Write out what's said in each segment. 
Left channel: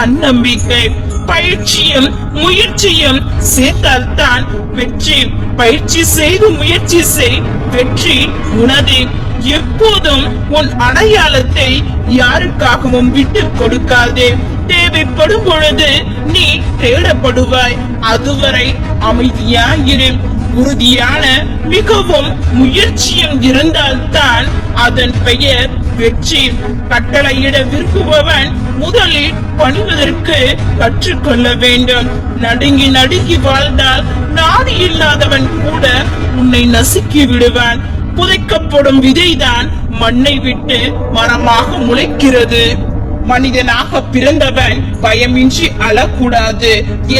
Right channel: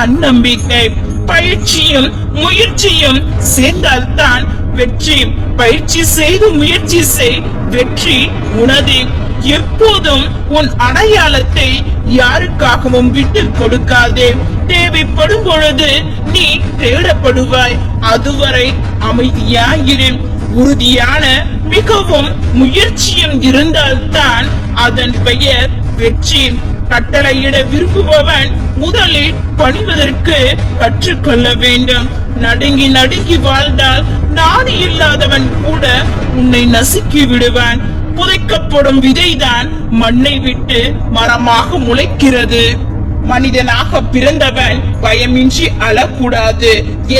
தன்னம்பிக்கை, பயிற்சியும் முயற்சியும் சேர்ந்தால்தான் வெற்றி. பயிற்சி செய்து முயற்சி செய், வெற்றி உனது. எப்போதும் உன் அடையாளத்தை யாருக்காகவும் விட்டு கொடுக்காதே. தேவைப்படும் பொழுது நீ தேடப்படுவாய். அதுவரை அமைதியாயிரு. உறுதியான மிகவும் முயற்சியும் இருந்தால்தான் அதன் பெயர் வெற்றி. கட்டளையிட விரும்புபவன் முதலில் பணிவதற்கு கற்றுக்கொள்ள வேண்டும். நடுங்கி நடுங்கி வாழ்ந்தால் நாடு இல்லாதவன் கூட உன்னை நசுக்கி விடுவான். புதைக்கப்படும் விதைதான் மண்ணை விட்டு மரமாக முளைக்கிறது. மனிதனாக பிறந்தவன் பயமின்றி அழக்கூடாது.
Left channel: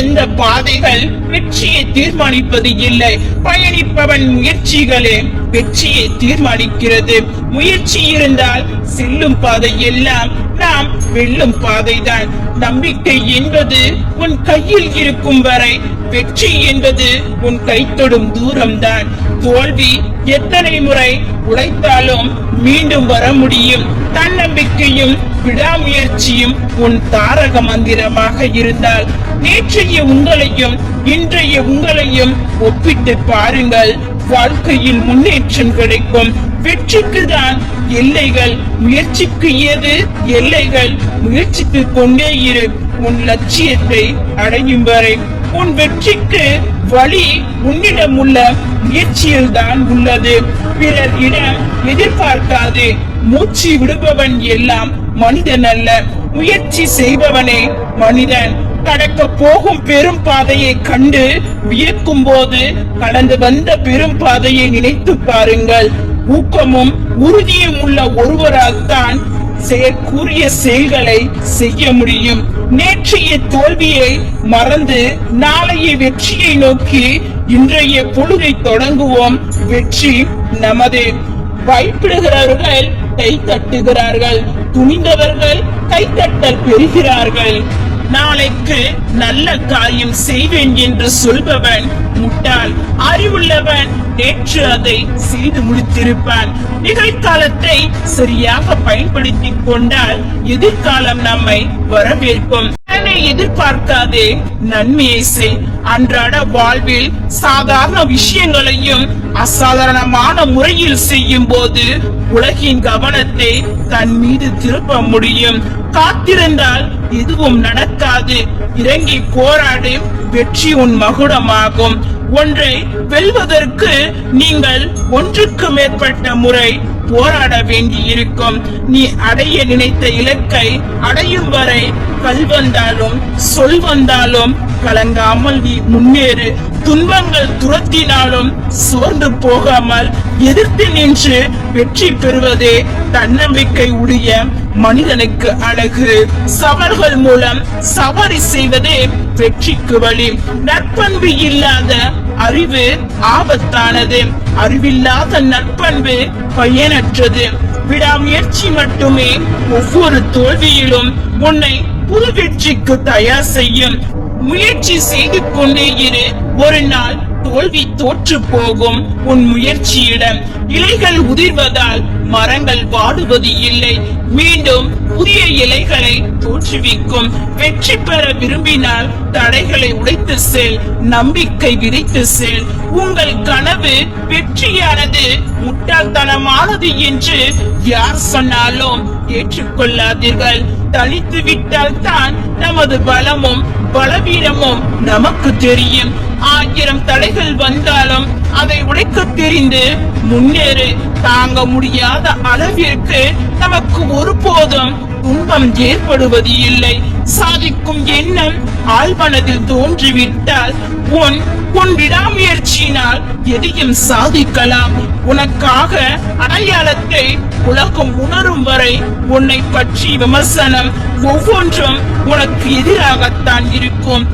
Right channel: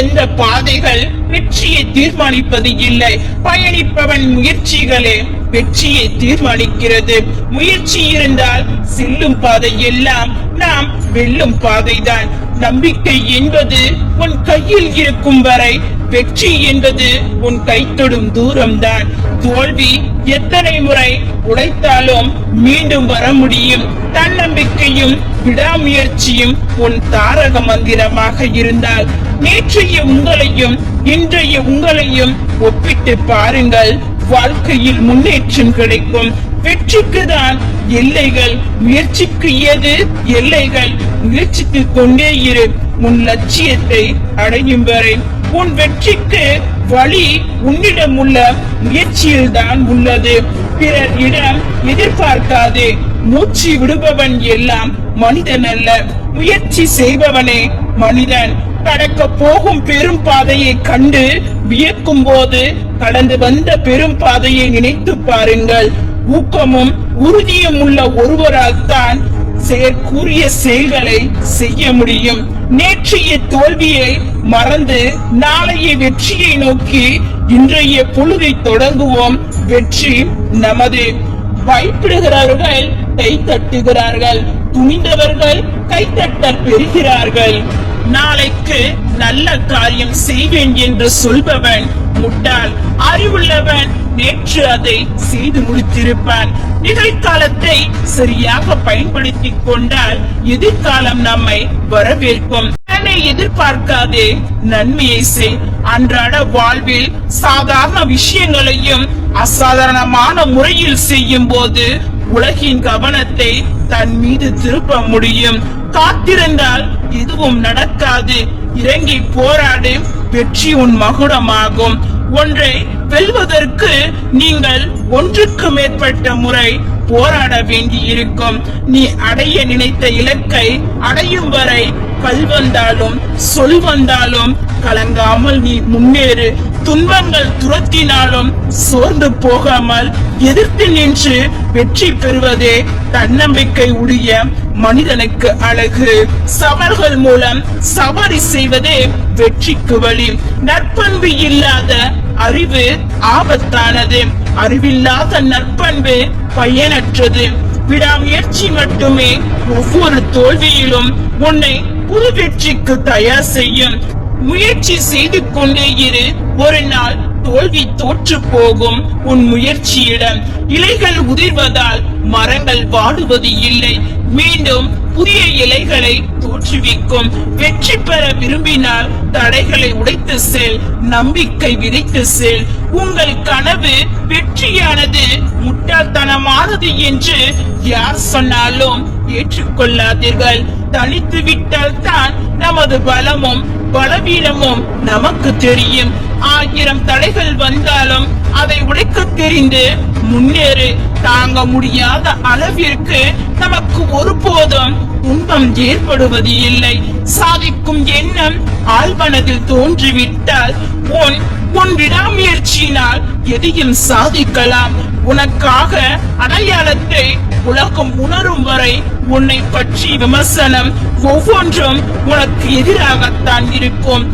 எந்த பாதைகள் வெற்றியை தீர்மானிப்பது இல்லை, பயணிப்பவன் முயற்சிகளே வெற்றியை தீர்மானிக்கிறது. முயற்சி இருந்தால் செல்லும் பாதை எல்லாம் நாம் வெல்லும் பாதைதான். நம்பிக்கை என்பது உன் கையில் இருக்கும் வரை, வெற்றி என்பது உன் கை தொடும் தூரம்தான். தோல்வி எத்தனை முறை உடைத்தாலும் மீண்டும் வர முடியும். தன்னம்பிக்கையும் விடாமுயற்சியும் உன் தாரக மந்திரமாக இருந்தால் நேற்றைய உங்களையும் இன்றைய உங்களையும் ஒப்பிட்டு பாருங்கள். வாழ்க்கையில் முன்னேற்றம் கிடைக்கும். வெற்றிக்கு தான் எல்லைகள், முயற்சிக்கு ஏது எல்லைகள்? முயற்சித்துக் கொண்டே இரு. உன் லட்சியத்தை அடையும் வரை. உன் வெற்றிக்கு வழி உன்னிடம் உள்ள முயற்சியில் தான் உள்ளது. பிறர் இடம் எதிர்பார்க்காது. மூச்சு விடுபவன் எல்லாம் மனிதன் அல்ல, முயற்சி செய்பவனே மனிதன். கடக்க போகும் பெரும் பாதையை கண்டு வியக்கும் போது கடந்து வந்த பெரும் பாதையை நினைத்து பாருங்கள். ஊக்கமும் உறுதியும் உள்ள ஒருவரால் தான் செயற்கூறிய செயல்களை செய்ய முடியும். நேற்றைய தோல்வியை மறந்து நாளைய வெற்றியை நோக்கி இன்றைய பொழுதை தொடங்குவோம். வெற்றி நமது. பயப்படுகிறவர்கள் கை தட்டுகிறார்கள், துணிந்தவர்கள் கைத்தட்டல் பெறுகிறார்கள். நாளைக்கு நல்ல காரியம் செய்வேன் என்று சொல்பவன் முட்டாள். அறிவுள்ளவன் நேற்று அதை செய்து முடித்திருப்பான். நிகழ்காலத்தை சரியாக பயன்படுத்திக் கொண்டால் எதிர்காலம் நம்மை வரவேற்கும். எதிர்பார்க்காதே, நன்மையை செய். அன்றாட வாழ்வில் சாதாரண விஷயங்களையும் அசாதாரணமான முறையில் செய்யும் போது உலகின் கவனத்தை தன் மீது திருப்ப முடியும். காத்திருந்தால் எதுவும் நடக்காது. இறங்கி போராடு, வெற்றி உன் மகுடமாகும். ஒன்றை வெல்வதற்கு நீங்கள் ஒன்றுக்கு மேற்பட்ட முறை போராட வேண்டி இருக்கும். நீ அடைய நினைத்த இலக்கை அடையும் வரை கல் வந்தாலும் சொல் வந்தாலும் கலங்காமல் நீ முன்னேறு. துன்பங்கள் துரத்தினாலும் சோர்ந்து போகாமல் எதிர்த்து நின்று வெற்றி பெறுவதே தன்னம்பிக்கை உடைய மனிதனுக்கு அழகு. சவால்கள் மூலம் சவாரி செய்வதே வெற்றிக்கு வழி. நற்பண்பு இல்லாத அறிவு ஆபத்தானது. அறிவில்லாத நற்பண்பு பயனற்றது. விடாமுயற்சி மட்டுமே ஒவ்வொரு தோல்வியிலும் உன்னை புது வெற்றிக்கு தயார் செய்யும். முயற்சி செய்து கொண்டே இரு. ஒரு நாள் தோல்வி தோற்று போகும். உன் முயற்சியிடம் இலைகள் உதிர்வதால் மரங்கள் வாடுவது இல்லை, மீண்டும் புதிய இலைகளை தோற்றுவிக்கும். வெற்றி பெற விரும்பினால் தடைகளை உடைத்து செல், நம்பிக்கை விதைத்து செல். உங்கள் கனவு வெற்றியானது முட்டாள்தனமானது என்று யார் சொன்னாலும் ஏற்றுக்கொள்ளாதீர்கள். தனித்து விட்டால் தான் நமது பலமும் பலவீனமும் நமக்கு தெரியும். 1000 தடைகள் வந்தாலும் அதை உடைக்க தெரிந்து முன்னேறு. தாங்க முடியாத அளவிற்கு நமக்கு ஒருபோதும் துன்பம் ஏற்படுவது இல்லை. சாதிக்கும் எண்ணம் ஆழ்மனதில் தோன்றிவிட்டால் உன் விடாமுயற்சியினால் எதையும் சாதிக்கலாம். உனக்காக அடையாளத்தை உலகம் உணரும் வரை உன்னை பற்றி விமர்சனம் ஒவ்வொன்றும் உனக்கு எதிராகத்தான் இருக்கும்.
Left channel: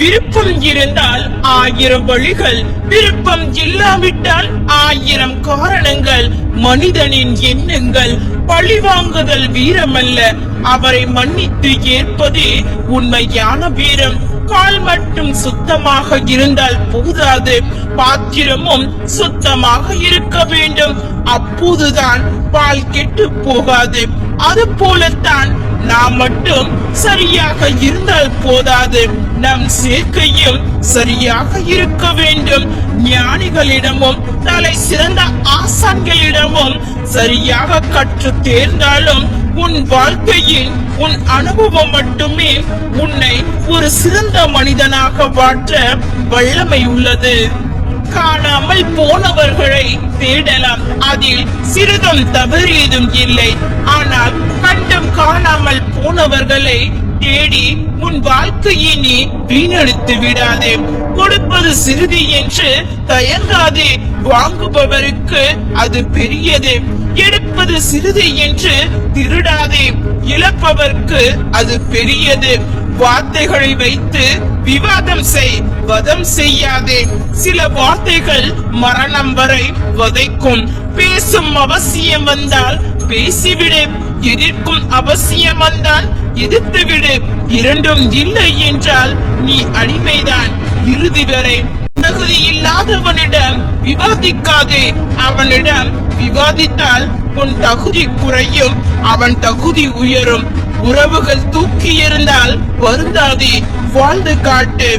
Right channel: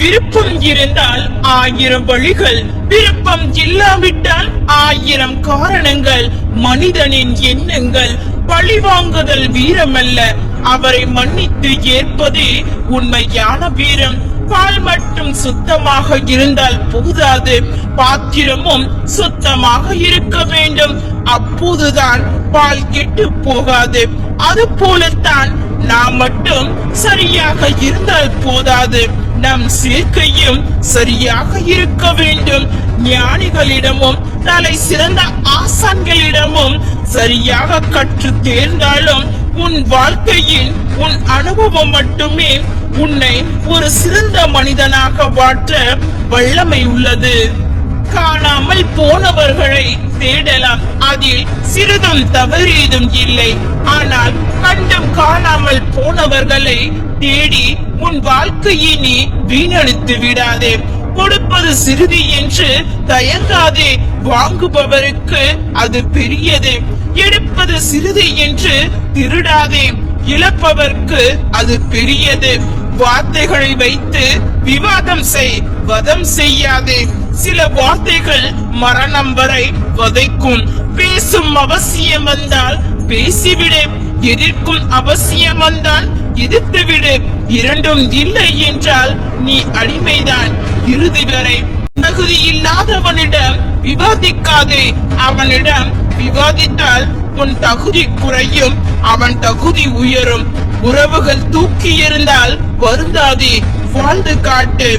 விருப்பம் இருந்தால் 1000 வழிகள், விருப்பம் இல்லாவிட்டால் 1000 காரணங்கள். மனிதனின் எண்ணங்கள். பழிவாங்குதல் வீரமல்ல, அவரை மன்னித்து ஏற்பதே உண்மையான வீரம். கால் மட்டும் சுத்தமாக இருந்தால் போதாது, பாத்திரமும் சுத்தமாக இருக்க வேண்டும். அப்போதுதான் பால் கெட்டு போகாது. அது போலத்தான் நாம் மட்டும் சரியாக இருந்தால் போதாது, நம் சேர்க்கையும் சரியாக இருக்க வேண்டும். ஞானிகளிடமும் தலை சிறந்த ஆசான்களிடமும் சரியாக கற்று தேர்ந்தாலும் உன் வாழ்க்கையில் உன் அனுபவம் மட்டுமே உன்னை ஒரு சிறந்த மனிதனாக மாற்ற வல்லமை உள்ளது. காணாமல் போனவர்களை தேடலாம், அதில் சிறிதும் தவறேதும் இல்லை. ஆனால் கண்டும் காணாமல் போனவர்களை தேடி உன் வாழ்க்கையை நீ வீணடித்து விடாதே. கொடுப்பது சிறிது என்று தயங்காதே, வாங்குபவருக்கு அது பெரியது. எடுப்பது சிறிது என்று திருடாதே, இழப்பவர்க்கு அது பெரியது. வார்த்தைகளை வைத்து விவாதம் செய், வதம் செய்யாதே. சில வார்த்தைகள் மரணம் வரை வதைக்கும். பேசும் அவசியம் வந்தால் பேசிவிடு, எதிர்க்கும் அவசியம் வந்தால் எதிர்த்துவிடு. இரண்டும் இல்லை என்றால் நீ அடிமைதான் இறுதி வரை. தகுதி இல்லாதவனிடம் விவாதிக்காதே, அவனிடம் விவாதித்தால் உன் தகுதி குறையும், அவன் தகுதி உயரும். உறவுகள் தூக்கி இருந்தால் வருந்தாதே, வாழ்ந்து காட்டு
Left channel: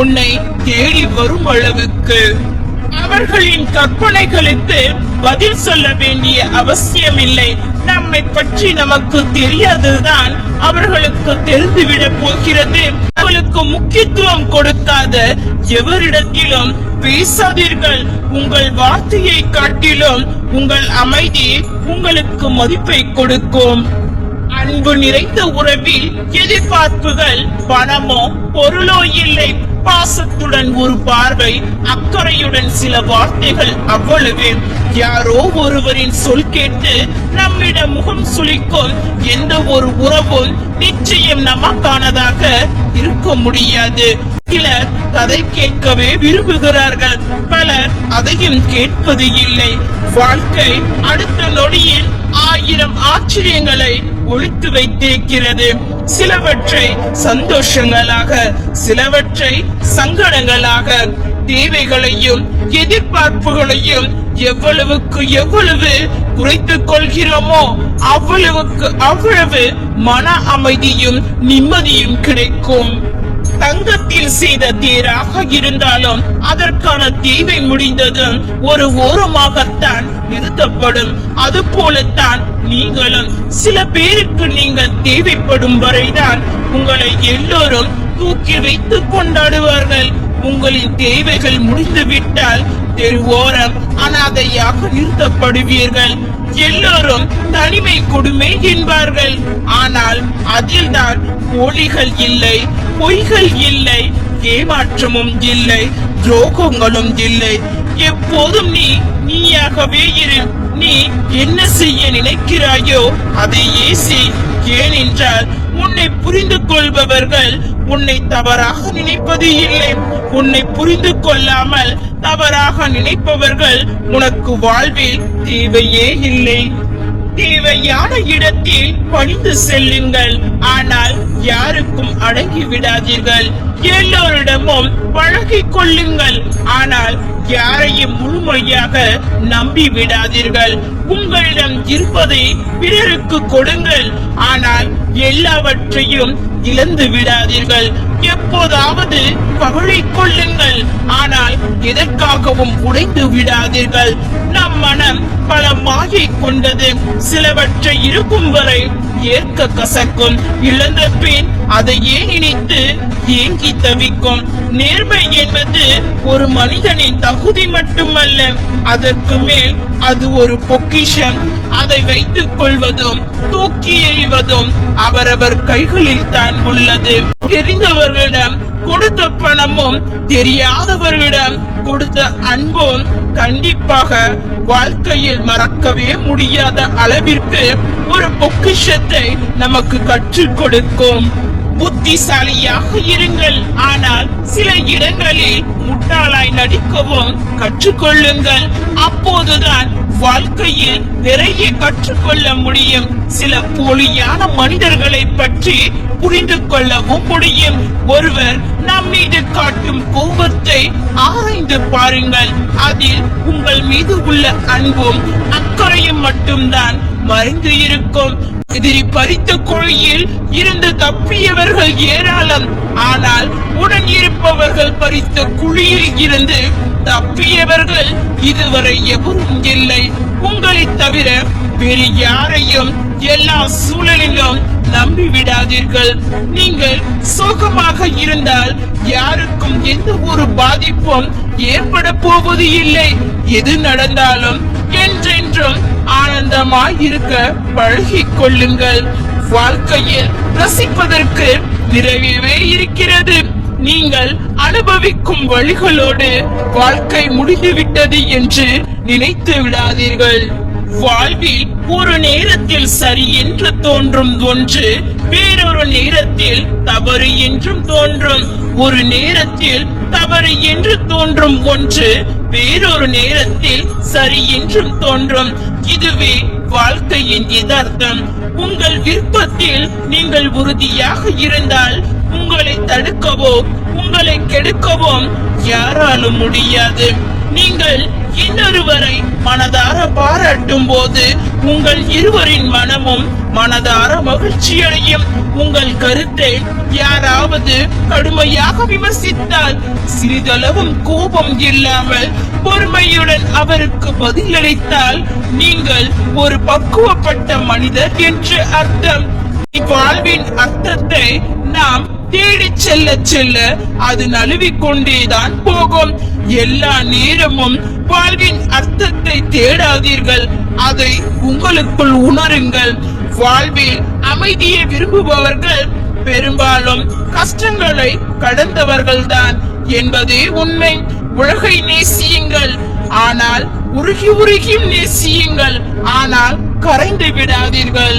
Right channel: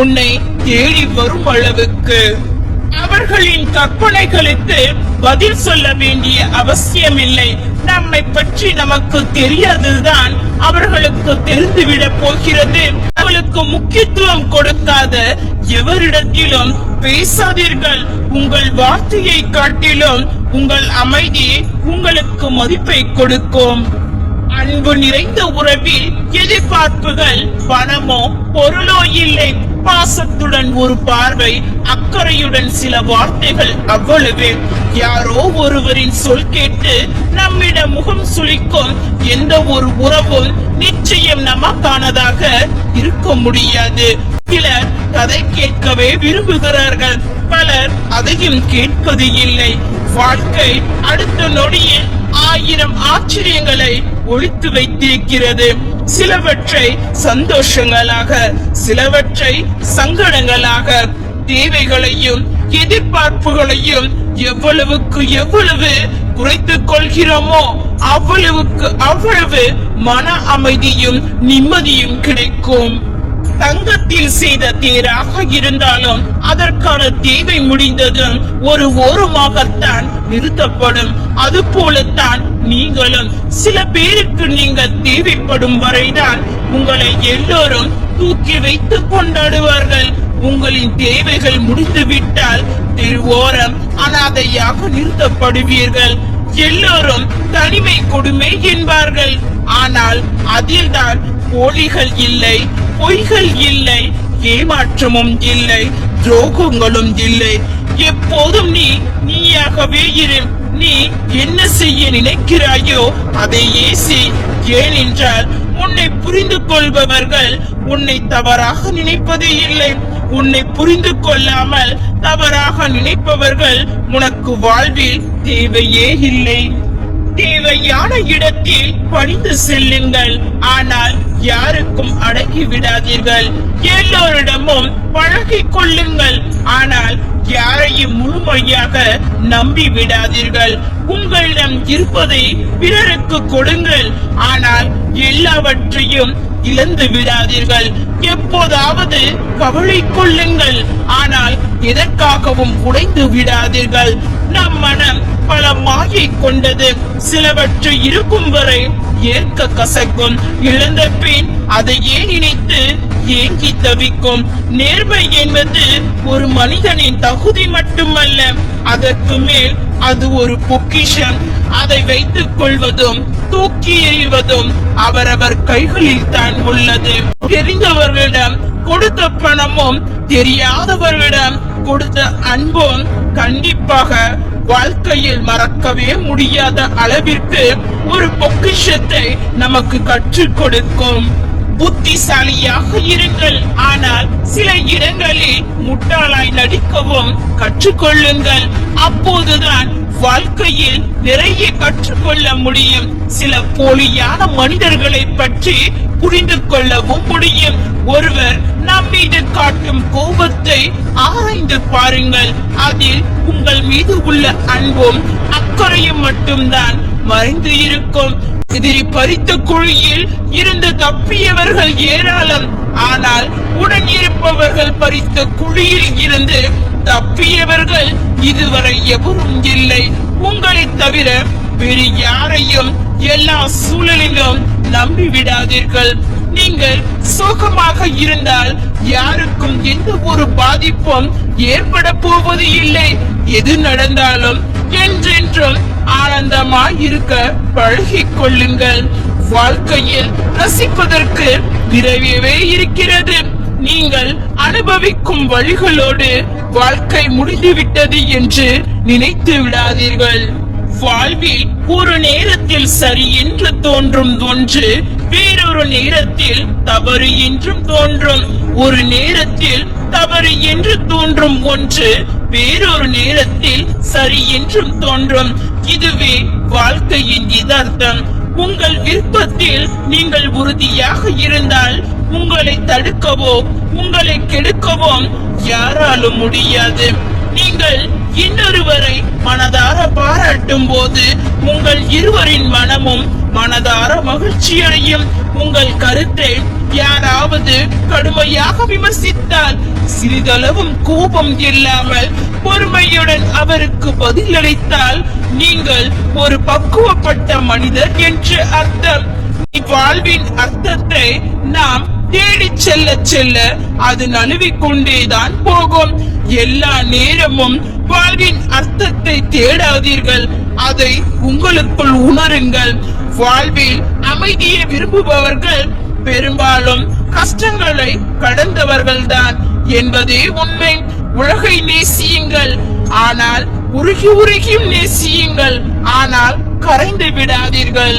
உன்னை தேடி வரும் அளவுக்கு. அவர்களின் கற்பனைகளுக்கு பதில் சொல்ல வேண்டிய அவசியமில்லை. நம்மை பற்றி நமக்கு தெரியாதுதான் அவர்களுக்கு தெரிந்துவிடப் போகிறது. அவர்களுக்கு முக்கியத்துவம் கொடுக்காத எவரிடத்திலும் பேசாதீர்கள். உங்கள் வார்த்தையை காட்டிலும் உங்கள் அமைதி உங்களுக்கு மதிப்பை கொடுக்கும். அன்பு நிறைந்த உறவில் எதிர்பார்ப்புகள் பணமோ பொருளோ இல்லை. பாசத்துடன் ஒரு பார்வை, அக்கறையுடன் சில வார்த்தைகள், அவ்வளவே. யாரோ ஒருவரின் சொல் கேட்டு நம்மிடம் முகம் சுளிக்கும் எந்த ஒரு உறவும் நிச்சயம் நமக்கானதாக இருக்க முடியாது. சிலர் கதை கேட்கவே விரும்புகிறார்கள், பலர் அதையும் கேட்பது இல்லை. வாழ்க்கை அடுத்த நொடியில் 1000 ஆச்சரியங்களை ஒழித்து வைத்திருக்கிறது. சிலவற்றை சந்தோஷங்களாக, சிலவற்றை சங்கடங்களாக. தேவைகளையும் எதிர்பார்ப்புகளையும் எவ்வளவுக்கு எவ்வளவு குறைத்துக் கொள்கிறோமோ அவ்வளவுக்கு அவ்வளவு மன அமைதியும் நிம்மதியும் கிடைக்கும். தங்கத்தில் செய்த தேராக இருந்தாலும் அதற்கான தேவை முடிந்ததும் ஒரு ஓரமாகத்தான் நிறுத்தப்படும். அது போலத்தான் நீங்களும். சில பேருக்கு நீங்கள் தேவைப்படும் வரைதான் உங்களை எல்லோரும் தூக்கி வைத்து கொண்டாடுவார்கள். உங்களின் தேவைகள் முடிந்துவிட்டால் தெருவோரம் அனாதையாக நிறுத்தப்படுவீர்கள். எல்லோரும் தனிமை கொடுமை என்பார்கள். ஆனால் அதில்தான் போலிகள் இல்லை, பொய்கள் இல்லை, ஏமாற்றமும் இல்லை, துரோகங்களும் இல்லை. எப்போதும் நீயாகவே இரு. நீ என்ன செய்ய நினைக்கிறாயோ அதையே செய். ஏனென்றால் உன்னை புரிந்து கொள்பவர்கள் உன்னை தவறாக நினைப்பது இல்லை. உன்னை புரிந்து கொள்ளாமல் தவறாக நினைப்பவர்கள் உனக்கு வாழ்வில் தேவையே இல்லை. தேவையான இடத்தில் பணிந்து செல்லுங்கள், ஆனால் யாருக்கும் அடங்கி விடாதீர்கள். எல்லோரிடமும் பழகிக் கொள்ளுங்கள், ஆனால் யாரையும் முழுமையாக நம்பி விடாதீர்கள். உங்களிடம் இருப்பதை பிறருக்கு கொடுங்கள், ஆனால் எல்லாவற்றையும் இழந்து விடாதீர்கள். எப்போதாவது கவலை கொள்ளுங்கள், ஆனால் எதற்காகவும் உடைந்து விடாதீர்கள். நம் மனம் பல மாயை கொண்டது. சிலவற்றை இருக்கும் வரை ஏற்க கசக்கும். இழந்த பின் அதையே நினைத்து ஏங்கி தவிக்கும். நேர்மை என்பது ஒரு மனிதனின் தகுதி மட்டுமல்ல, அதற்கு மேல் அது ஒரு பொக்கிஷம். அதை வைத்துக் கொள்வதும் தூக்கி எறிவதும் அவரவர் கைகளில் தான் உள்ளது. தெரிந்தவர்களிடம் கொடுத்த பணமும் தெரியாதவர்களிடம் கொடுத்த அன்பும் கண்டிப்பாக வாழ்க்கையில் மறக்கவே முடியாத அளவிற்கு ஒரு பொக்கிஷத்தை நமக்கு கற்றுக் கொடுக்கும். புத்திசாலியாக இருங்கள், ஆனால் சில இடங்களில் முட்டாளாய் நடிக்கவும் கற்றுக்கொள்ளுங்கள். அப்போதுதான் வாழ்க்கையில் நிறைய கற்றுக்கொள்ள முடியும். சில போலியான மனிதர்களை பற்றி புரிந்து கொள்ளவும் முடியும். ஒருவர் நம் மீது காட்டும் கோபத்தை ஆராய்ந்து பாருங்கள். அதில் உங்கள் மீது உள்ள அன்பும் அக்கறையும் மட்டும்தான் மறைந்து இருக்கும். எதிரி பறித்த குழியில் இருந்து தப்பியவர்கள் ஏராளம். ஆனால் உடன் இருப்பவர்கள் பறித்த குழியில் இருந்து தப்பியவர்கள் இதுவரை எவரும் இல்லை. உங்களை தவிர வேறு யாரையும் எல்லா சூழலிலும் நம்பிவிடாதீர்கள். நீங்கள் சோகமாக இருந்தால் யாருக்கும் எந்த ஒரு பாதிப்பும் ஏற்பட போவது இல்லை. எது நடந்தாலும் என்றென்றும் ஆனந்தமாய் இருக்க பழகிக் கொள்ளுங்கள். வாழ்க்கையில் ரசிப்பதற்கு நிறையவே இருக்கிறது. நீங்கள் அனுபவிக்கும் வழிகளோடு வாழ்க்கை முடிந்துவிட்டது என்று நினைத்து விடாதீர்கள். வாழ்வில் ஒரு நேரத்தில் சரி என்று தோன்றும் ஒன்று வேறொரு நேரத்தில் தவறு என்றும் தோன்றும். ஒரு நேரத்தில் தவறு என்று தோன்றும் ஒன்று வேறொரு நேரத்தில் சரி என்றும் தோன்றும். இதுவே வாழ்க்கையின் யதார்த்தம். உங்கள் விருப்பத்தில் நீங்கள் உறுதியாக இருந்தால் உங்களை தடுக்கவோ உங்களை கெடுக்கவோ யாராலும் முடியாது. நீங்கள் இன்னொருவரை மனதார பாராட்டும் போது உங்கள் இருவரின் மனமும் மனதார மகிழ்ச்சி அடையும். உங்கள் கருத்தை யாராவது கடுமையாக விமர்சித்தால் சிறிதளவும் கோபம் இல்லாமல் பொறுமையுடன் அவருக்கு பதிலளித்தால் நீங்கள் ஒரு பக்குவப்பட்ட மனிதர் என்று அர்த்தம். வாழ்வின் அர்த்தத்தை நாம் தேடி செல்ல செல்ல அது நழுவிக் கொண்டேதான் போகும். எல்லா நேரமும் வாழ்வின் அர்த்தத்தை தேடாதீர்கள், அதை உங்களுக்குள் உணருங்கள். வாழ்வில் அமைதியை விரும்புபவர்கள் பெரும்பாலும் கஷ்டங்களை கடந்தவர்கள்தான் என்பதே உண்மை. உலகை நேசியுங்கள், ஆனால் உருகி உருகியும் நேசியுங்கள், ஆனால் கரைந்து விடாதீர்கள்.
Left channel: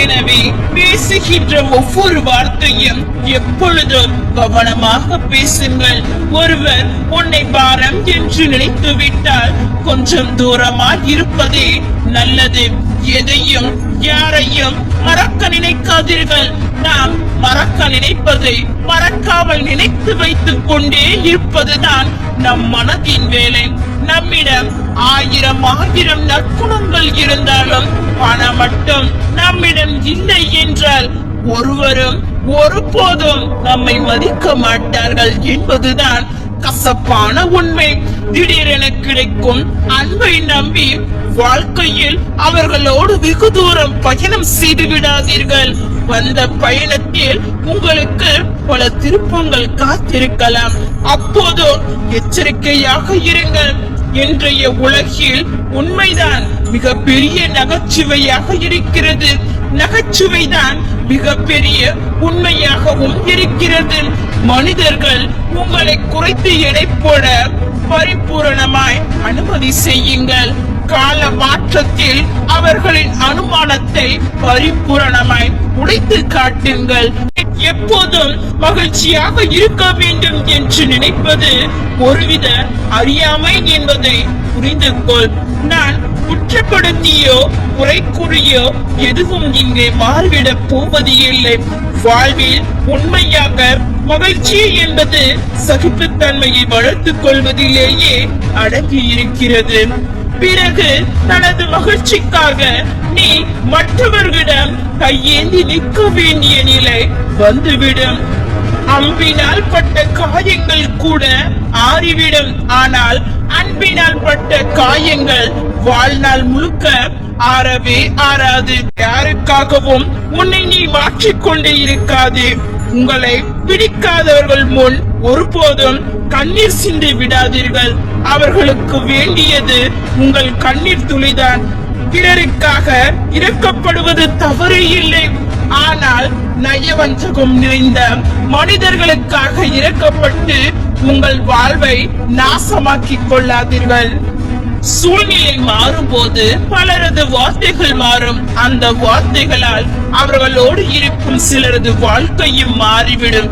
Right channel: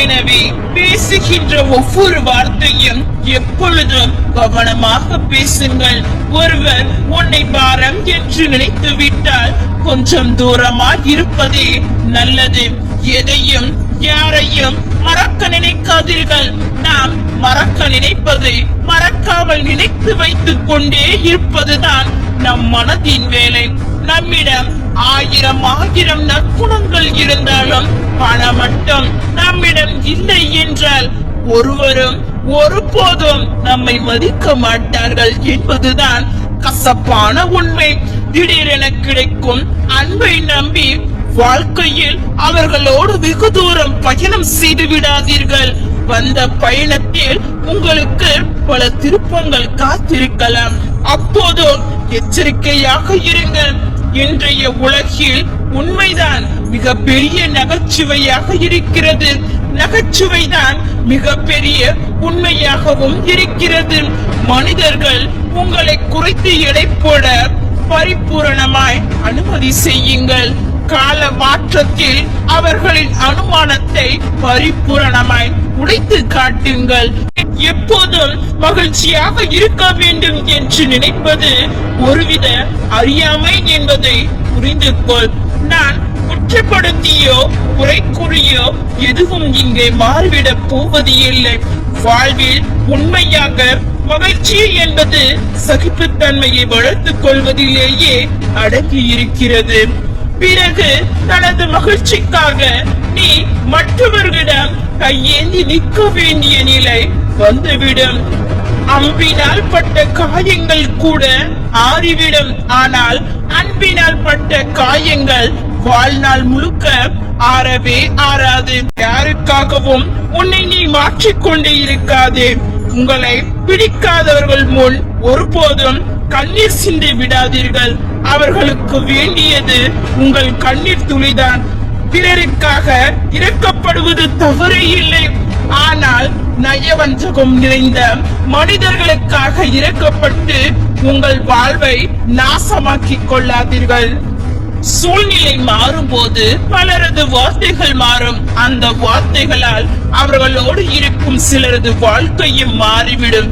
எனவே பேசுகின்ற ஒவ்வொரு வார்த்தையும் எப்பொழுதும் கவனமாக பேசுங்கள். ஒருவர் உன்னை பாரம் என்று நினைத்து விட்டால் கொஞ்சம் தூரமாக இருப்பதே நல்லது. எதையும் யாரையும் மறக்க நினைக்காதீர்கள். நாம் மறக்க நினைப்பதை மறக்காமல் நினைத்து வைத்துக் கொண்டே இருப்பதுதான் நம் மனதின் வேலை. நம்மிடம் ஆயிரம் நற்குணங்கள் இருந்தாலும் பணம் மட்டும் நம்மிடம் இல்லை என்றால் ஒருவரும் ஒருபோதும் நம்மை மதிக்க மாட்டார்கள் என்பதுதான் கசப்பான உண்மை. திடீரென கிடைக்கும் அன்பை நம்பி வாழ்க்கையில் அவர்களோடு வெகு தூரம் பயணம் செய்து விடாதீர்கள். வந்த பயணத்தில் உங்களுக்கு பல திருப்பங்கள் காத்திருக்கலாம். அப்போது எச்சரிக்கையாக இருங்கள். இன்றைய உலகில் உண்மைதான் மிக பெரிய நகைச்சுவையாக இருக்கிறது. நகைச்சுவைதான் மிக பெரிய உண்மையாகவும் இருக்கிறது. மனிதர்கள் உங்களை குறித்து எடை போட பரிபூரணமாய் அனுமதி செய்யுங்கள். கால மாற்றத்தில் அவர்களின் அனுமானத்தை பரிபூரணமாய் உடைத்து காட்டுங்கள். எப்போதும் மகிழ்ச்சியாக இருக்க வேண்டும் என்று நினைப்பது ஒருவித அறியாமை என்பதை புரிந்து கொள். நான் குற்றப்படுத்தியோ குறை கூறியோ எதுவும் இங்கே மாறிவிடப் போவது இல்லை. வாழ்வில் உண்மையாக மகிழ்ச்சி என்பது சகிப்புத்தன்மையை வளர்த்துக் கொள்வதிலேயே அடங்கி இருக்கிறது. பிறகு தனது மகிழ்ச்சிக்காக நீ மற்றவர்களிடம் கையேந்தி நிற்க வேண்டிய நிலை வந்துவிடும். அம்பினால் பட்ட காயங்கள் கூட ஆறிவிடும். ஆனால் அன்பினால் பட்ட காயங்கள் வாழ்நாள் முழுக்க ஆறவே ஆறாது. யாருக்காகவும் உன்னை நீ மாற்றிக்கொண்டே இருக்காதே. உங்களை பிடிக்காதவர்கள் முன் ஒருபோதும் கண்ணீர் சிந்தி விடாதீர்கள். அவர்களுக்கு வேண்டியது உங்கள் கண்ணீர் துளிதான். பிறருக்காக இறக்கப்படுவது தவறு இல்லை. ஆனால் நயவஞ்சகம் நிறைந்த மனிதர்களுக்காக இறக்கப்பட்டு உங்கள் வாழ்வை நாசமாக்கிக் கொள்ளாதீர்கள். சூழ்நிலை மாறும்போது பலரது வார்த்தைகள் மாறும். அந்த வார்த்தைகளால் அவர்களோடு இருக்கும் சிலரது வாழ்க்கையும் மாறிவிடும்.